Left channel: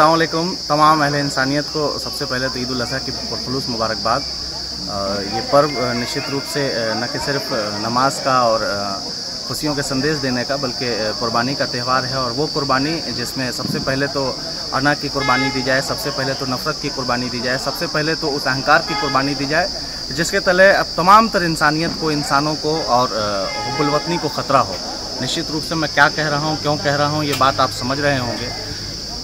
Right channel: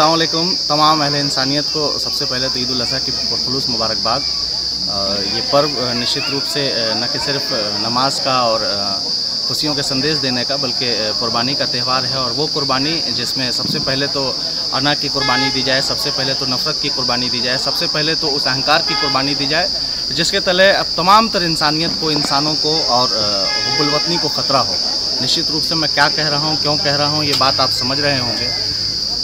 अस्सलाम वालेकुम तमाम अहले इंसानियत को सबसे पहले तो ईद उल अज़हा की पुरखुलूस मुबारकबाद। ये पर्व निश्चित रूप से न कि सिर्फ नमाज का और खुशियों के संदेश देने का बल्कि कुर्बानी का त्यौहार है। और वो कुर्बानी जिसमें सबसे पहले तो अना की कुर्बानी दी जाए, सबसे पहले तो नफ़रत की कुर्बानी दी जाए, सबसे पहले तो उस अहंकार की कुर्बानी दी जाए जिसके तले अब तमाम तर इंसानियत को, इंसानों को और हुब्बुल वतनी को ख़तरा हो। निश्चित रूप से मैं क्या कह रहा हूँ, क्यों कह रहा हूँ, ये बात आप समझ रहे होंगे।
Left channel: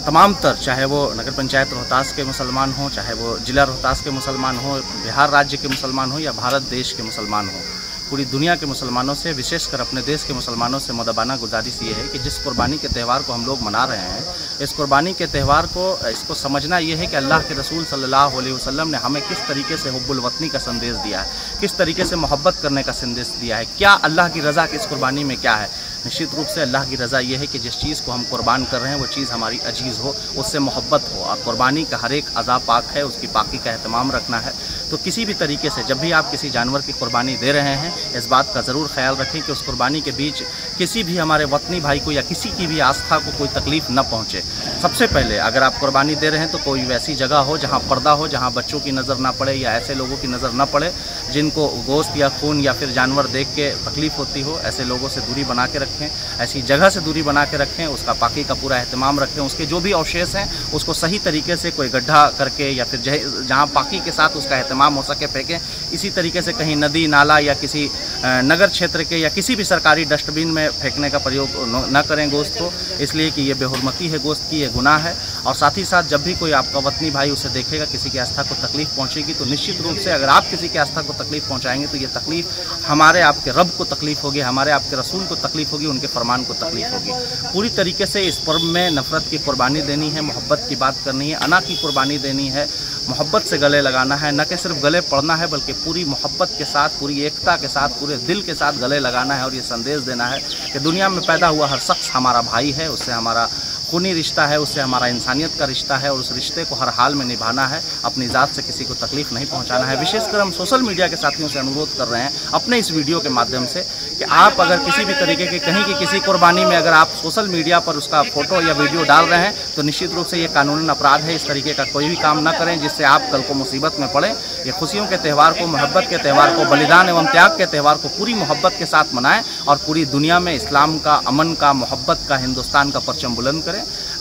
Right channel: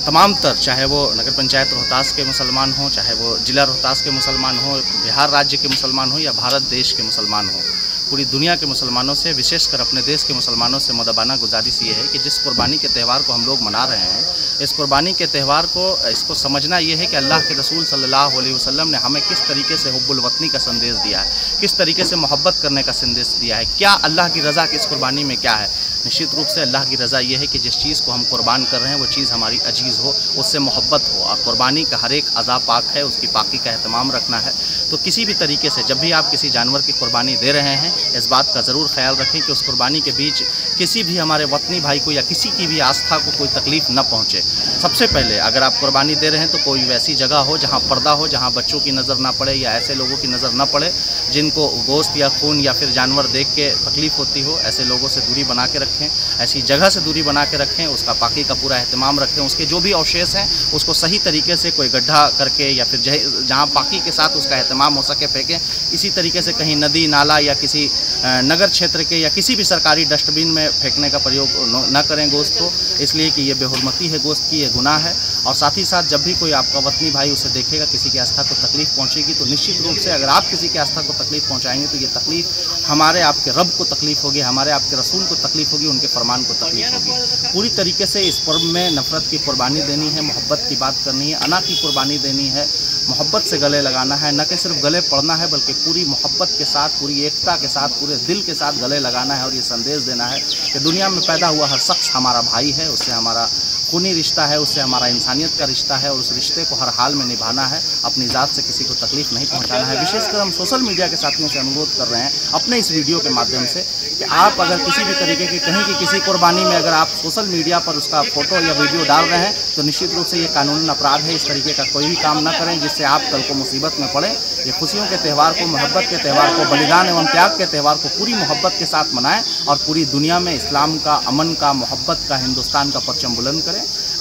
तमाम तर, चाहे वो नगर पंचायत रोहतास के मुसलमान हों, चाहे वो ज़िला रोहतास के मुसलमान हों, बिहार राज्य के मुसलमान हों या भारत देश के मुसलमान हों, पूरी दुनिया के मुसलमानों से, विशेषकर अपने देश के मुसलमानों से मुदबाना गुजारिश ये है कि जिस कुर्बानी के त्यौहार को हम लोग मना रहे हैं, इस कुर्बानी के त्यौहार को इसको समझना ये है कि अल्लाह के रसूल सल्लल्लाहु अलैहि वसल्लम ने हमें किस तरीके से हुब्बुल वतनी का संदेश दिया है, किस तरीके से मोहब्बत करने का संदेश दिया है, क्या अल्लाह की रज़ा की इस कुर्बानी में क्या है। निश्चित रूप से अल्लाह की रज़ा ये है कि जिस चीज़ को हम कुर्बान कर रहे हैं वो चीज़ हमारी अजीज़ हो, उससे मोहब्बत हो। और कुर्बानी का हर एक अज़ा पाक है, उसकी पाकी का एहतमाम रखना है। तो किसी भी तरीके से जब भी आप किसी जानवर की कुर्बानी दे रहे हैं, इस बात का ज़रूर ख्याल रखें कि उस कुर्बानी के बीच किसी भी हमारे वतनी भाई को या किसी की भी आस्था को कोई तकलीफ़ न पहुँचे। सबसे पहले अगर आप कुर्बानी दे रहे हैं तो कोई वैसी जगह हो जहाँ पर्दा हो, जहाँ बच्चों की नज़र ना पड़े या ऐसे लोगों की नज़र न पड़े जिनको गोश्त या खून या फिर जानवर देख के तकलीफ़ होती हो। ऐसे लोगों से दूरी बना के रखें, ऐसी जगह से दूरी बना के रखें, उसका पाकी का पूरा एहतमाम रखें। उसके जो भी अवशेष हैं उसको सही तरीके से कोई गड्ढा करके या फिर जहाँ पाकी के साथ उसका एहतमाम हो सके फेंकें। इसी तरीके से कहीं नदी नाला या किसी नगर क्षेत्र के या किसी भी सरकारी डस्टबिन में फेंकने का प्रयोग न करें गोश्त को, इसलिए कि ये बेहुरमती है गोश्त की, ये गुनाह है। और साथ ही साथ जब भी कोई आपका वतनी भाई उसे देखेगा किसी की आस्था को तकलीफ़ पहुँचेगी तो निश्चित रूप से अगर आप किसी की आस्था को तकलीफ़ पहुँचाएंगे तो ये तकलीफ़ हमारे आपके रब को तकलीफ़ होगी, हमारे आपके रसूल को तकलीफ़ होगी, उनके फरमान को तकलीफ़ होगी। पूरी तरीके से इस पर्व में नफ़रत की कुर्बानी देनी है, मोहब्बत की बात करनी है, अना की कुर्बानी देनी है, मोहब्बत से गले लगाना है, न कि सिर्फ गले पड़ना है बल्कि पूरी मोहब्बत के साथ, पूरी एकता के साथ, पूरे दिल के साथ गले लगाना है। और ये संदेश देना है कि दुनिया में पैदा हुआ हर शख्स हमारा भाई है, उससे हमारा खूनी रिश्ता है, उससे हमारा इंसानियत का रिश्ता है और उस रिश्ते को हर हाल में निभाना है। अपनी ज़ात से किसी को तकलीफ़ नहीं पहुंचाना है। विशेषकर हम सोशल मीडिया के साथियों से अनुरोध कर रहे हैं अपने इस वीडियो के माध्यम से कि आप अगर किसी भी तरीके के कहीं की किसी कुर्बानी में अगर आप सोशल मीडिया पर उसका फ़ोटो या वीडियो डाल रहे हैं तो निश्चित रूप से ये कानूनन अपराध है। इस तरीके का कोई भी काम न करें जिससे आप कल को मुसीबत में पड़ें। ये खुशियों के त्यौहार को, मोहब्बत के त्यौहार को, बलिदान एवं त्याग के त्यौहार को पूरी मोहब्बत के साथ मनाएं और पूरी दुनिया में इस्लाम का, अमन का, मोहब्बत का, हिंदुस्तान का परचम बुलंद करें।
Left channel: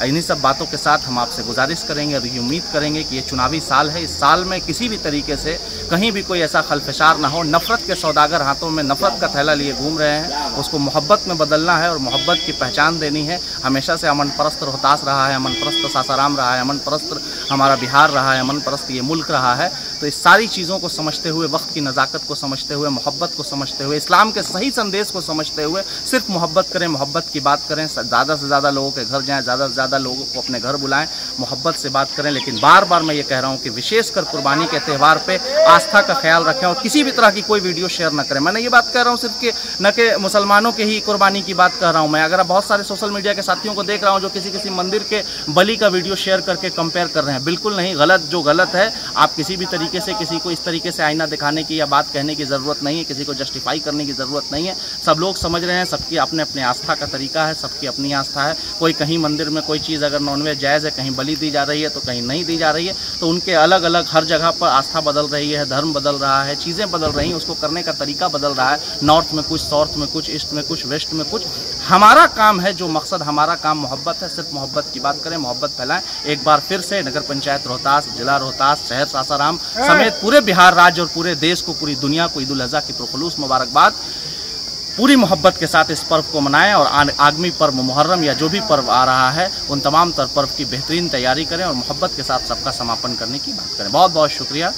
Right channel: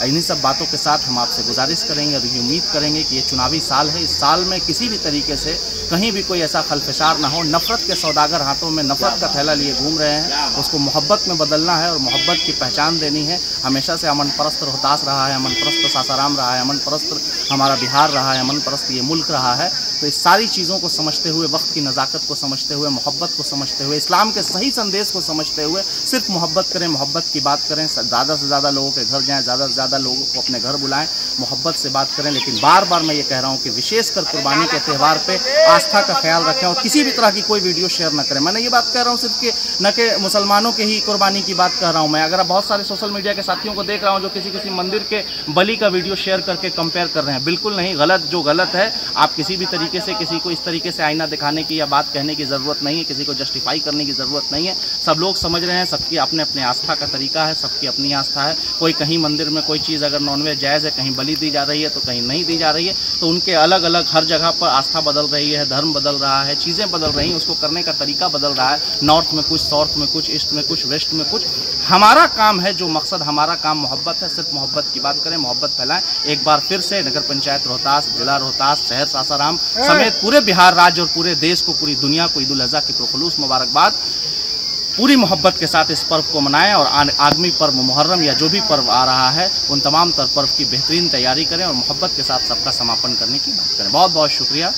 इन्हीं सब बातों के साथ हम आपसे गुजारिश करेंगे और ये उम्मीद करेंगे कि ये चुनावी साल है, इस साल में किसी भी तरीके से कहीं भी कोई ऐसा खलफशार ना हो। नफ़रत के सौदागर हाथों में नफ़रत का थैला लिए घूम रहे हैं, उसको मोहब्बत में बदलना है और मोहब्बत की पहचान देनी है। हमेशा से अमन परस्त रोहतास रहा है, अमन परस्त सासाराम रहा है, अमन परस्त हमारा बिहार रहा है, अमन परस्त ये मुल्क रहा है। तो इस सारी चीज़ों को समझते हुए, वक्त की नज़ाकत को समझते हुए, मोहब्बत को समझते हुए, इस्लाम के सही संदेश को समझते हुए सिर्फ मोहब्बत करें, मोहब्बत की बात करें। ज़्यादा से ज़्यादा लोगों के घर जाएँ, ज़्यादा से ज़्यादा लोगों को अपने घर बुलाएं, मोहब्बत से बात करें। लेकिन बार बार मैं ये कह रहा हूँ कि विशेषकर कुर्बानी के त्यौहार पे आस्था का ख्याल रखें और किसी भी तरह की कोई वीडियो शेयर न करें। मैंने ये बात कह रहा हूँ सिर्फ कि न कि मुसलमानों के ही कुर्बानी की बात कर रहा हूँ मैं। अगर बहुत सारे सोशल मीडिया के साथियों को देख रहा हूँ जो किसी मंदिर के बलि का वीडियो शेयर करके कंपेयर कर रहे हैं, बिल्कुल नहीं, गलत। जो गलत है, आप किसी भी तरीके से किसी को इस तरीके से आईना दिखाने की या बात कहने की ज़रूरत नहीं है, किसी को जस्टिफाई करने की ज़रूरत नहीं है। सब लोग समझ रहे हैं, सबकी अपने अपने आस्था का तरीका है, सबकी अपनी आस्था है। कोई कहीं मंदिर में कोई चीज़ अगर नॉनवेज जायज़ है, कहीं बलि दी जा रही है तो कहीं नहीं दी जा रही है, तो उनके अलग अलग हर जगह पर आस्था बदल रही है, धर्म बदल रहा है, चीज़ें बदल रही हैं, उसको करने का तरीका बदल रहा है। नॉर्थ में कुछ, साउथ में कुछ, ईस्ट में कुछ, वेस्ट में कुछ। हमारा काम है, जो मकसद हमारा काम मोहब्बत है, सिर्फ मोहब्बत की बात करें, मोहब्बत फैलाएं। एक बार फिर से नगर पंचायत रोहतास, जिला रोहतास, शहर सासाराम समेत पूरे बिहार राज्य और पूरे देश को, पूरी दुनिया को ईद उल अज़हा की पुरखुलूस मुबारकबाद। पूरी मोहब्बत के साथ इस पर्व को मनाएं और आगामी पर्व मुहर्रम या जो भी पर्व आ रहा है उन तमाम तर पर्व की बेहतरीन तैयारी करें और मोहब्बत के साथ सबका समापन करने की बात करें। बहुत बहुत शुक्रिया।